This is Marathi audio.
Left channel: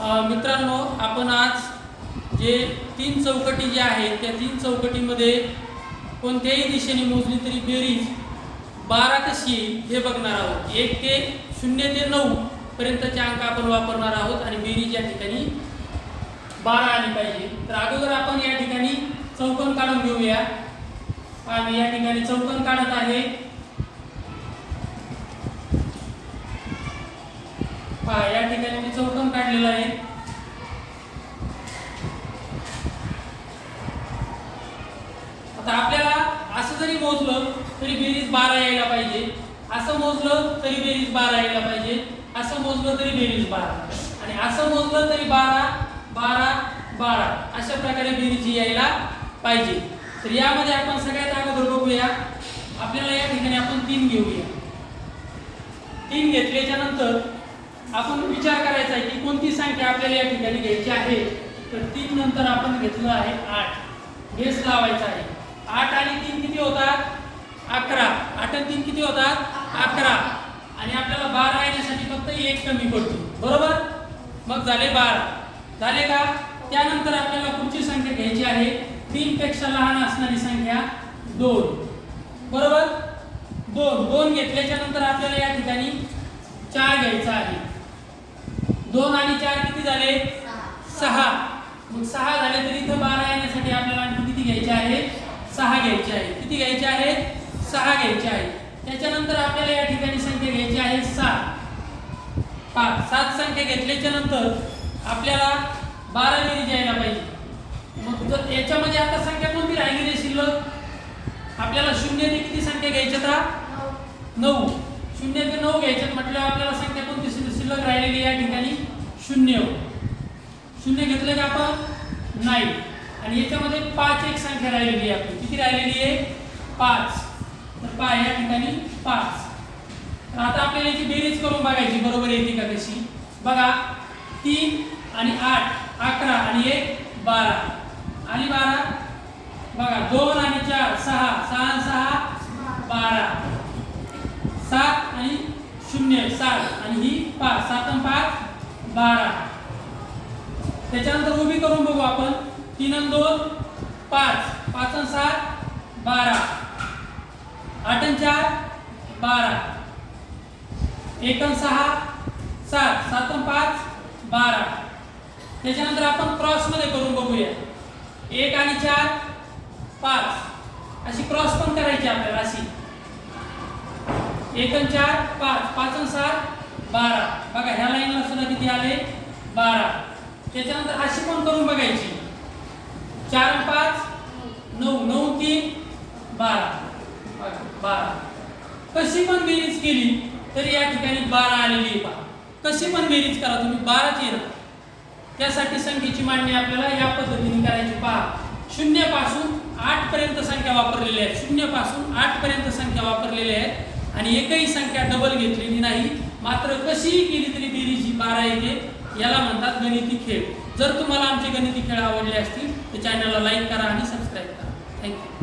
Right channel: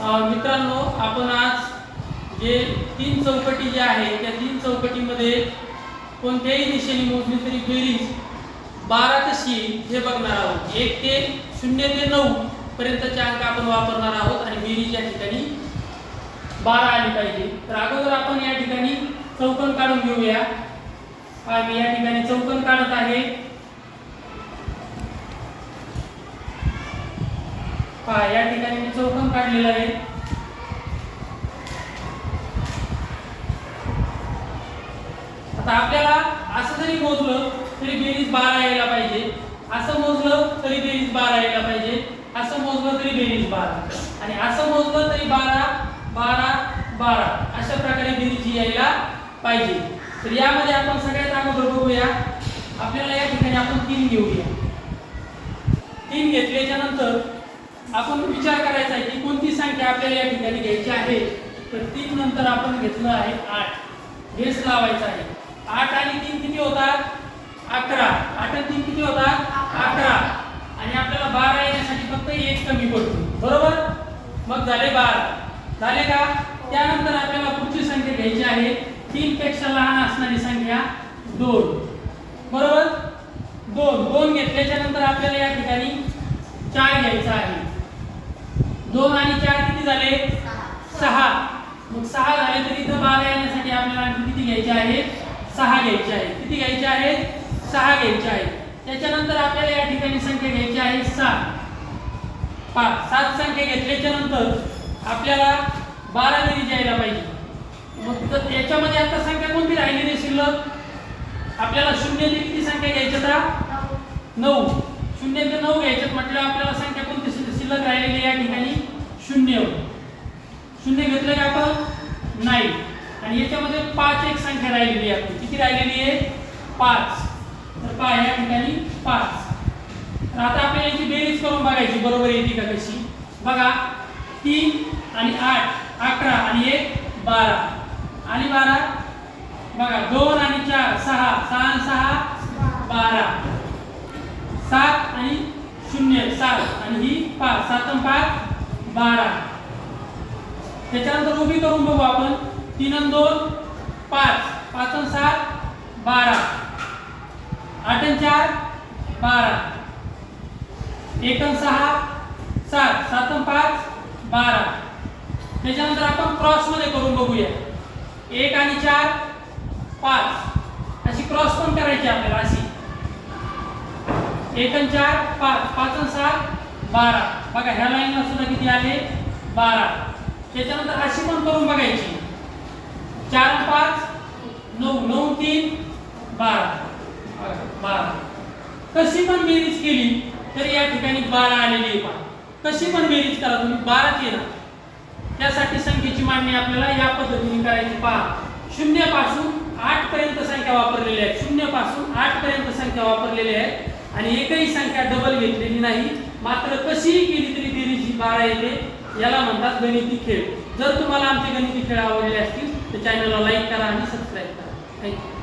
मित्रांनो आपण आज जे तीन चौकटी ज्या आहेत त्या तीन चौकटीमध्ये कोणत्याही दिशेने मोजली तरी बेरीज बारा कशी येईल हे बघणार आहोत. एक ते शून्य ते नऊ पर्यंतचे अंक आपण वापरणार आहोत आणि बेरीज या ठिकाणी बारा आली पाहिजे. तर अगोदर आपण या ठिकाणी चौकन काढून घेऊया. मी या ठिकाणी चौकन काढत आहे. पहा या ठिकाणी मी चौकन काढलेलं आहे. आता आपल्याला असं जरी मोजलं तरी बेरीज बारा यायला पाहिजे. असं मोजलं तरी बेरीज बारा यायला पाहिजे. असं मोजलं तरी बेरीज बारा. आणि असं मोजलं तरी बारा बारा बारा. अशा प्रकारे बेरीज यायला पाहिजे. तर यामध्ये आपण सगळ्यात अगोदर बघूया. आपल्याला या ठिकाणी आपण तीन घेऊया. तीन घेतल्याच्या नंतर आपण विचार करायचा आहे की कोणती संख्या आपल्याला या ठिकाणी घ्यायची आहे? तर तीन नंतर आपण घेतलं आहे आठ. बेस लावायचा आहे. आठ आणि तीन किती होतात? अकरा. आठ आणि तीन किती होतात? अकरा. आणि आपल्याला बारा येण्यासाठी फक्त एक कमी पडतो. बरोबर? मग झाले बारा. झाले का? त्यानंतर आपल्याला पुढची संख्या घ्यायची आहे. तीन पेक्षा लहान असणारी संख्या दोन. बरोबर? दोन. दोन घेतल्याच्या नंतर आपल्याला या ठिकाणी चार घ्यायचा आहे. दोन आणि चार किती झाले? सहा. मग सहा झाले तरी इथं बारा येण्यासाठी आपल्याला आणखी किती घ्यायचे आहे? सहा घ्यायचे आहे. किती घ्यायचे आहेत? सहा घ्यायचे आहे. त्याच्यानंतर आपल्याला या ठिकाणी संख्या घ्यायची आहे सात. पहा सात संख्या घेतल्याच्या नंतर आपल्याला बारा बेरीज यायला पाहिजे. मग याच्यामध्ये आता संख्या कोणती राहिली नाही शिल्लक? आपल्याला शून्य ते किती संख्या घ्यायच्या आता नऊ. शून्य ते नऊ घ्यायच्यात म्हटलं आपल्याला संख्या कोणती शिल्लक राहिलेली या ठिकाणी शून्य शून्य घेतलं का आपण? नाही. आणि याच्यामध्ये पाच एक संख्या राहिलेली आहे. आपली. किती राहिलेली आहे? पाच. तर पा या ठिकाणी पाच. तर आता आपल्याला याची बेरीज करून बघायची. बरोबर येते का कशी? बघा तीन आणि आठ. अकरा आणि एक बारा. आणि बारा? बघा दोन आणि चार सहा. सहा आणि सहा बारा. सात आणि शून्य. सात. पाच सात पाच बारा. त्याच्यानंतर उभी करून बघू आपण. तीन आणि दोन पाच. पाच सात बारा. आठ चार बारा. एक सहा सात. सात पाच बारा. त्याच्यानंतर आपण क्रॉसमध्ये करून बघूया. एक आणि चार पाच. अशी क्रॉस पण करायची आपल्याला अशी. एक चार पाच. पाच सात बारा. बघा ह्या लाईनला सुद्धा किती आले? बारा. त्याच्यानंतर अशी पण करून बघायची. चार पाच नऊ. नऊ तीन बारा. बारा. कशी पण बेरीज केली तरी या ठिकाणी बारा आलेली आहे पहा. कशी पण बेरीज करा तुम्ही बाराच येणार त्यासाठी संख्येची मांडणी आपल्याला या पद्धतीने करायची पहा. शून्यपासून आठपर्यंत आठ पर्यंत संख्या वापरलेल्या आहेत. शून्यपासून आठपर्यंत आठ पर्यंत संख्या वापरलेल्या आहेत. आणि एकही संख्या डबल घेतलेली नाही. मात्र कशीही केली तरी बेरीज बारा येते याला म्हणतात गणिती खेळ. जर तुम्हाला आमचे गणिती खेळ आवडले असतील तर चॅनलला लाईक करा आणि सबस्क्राईब करा. थँक्यू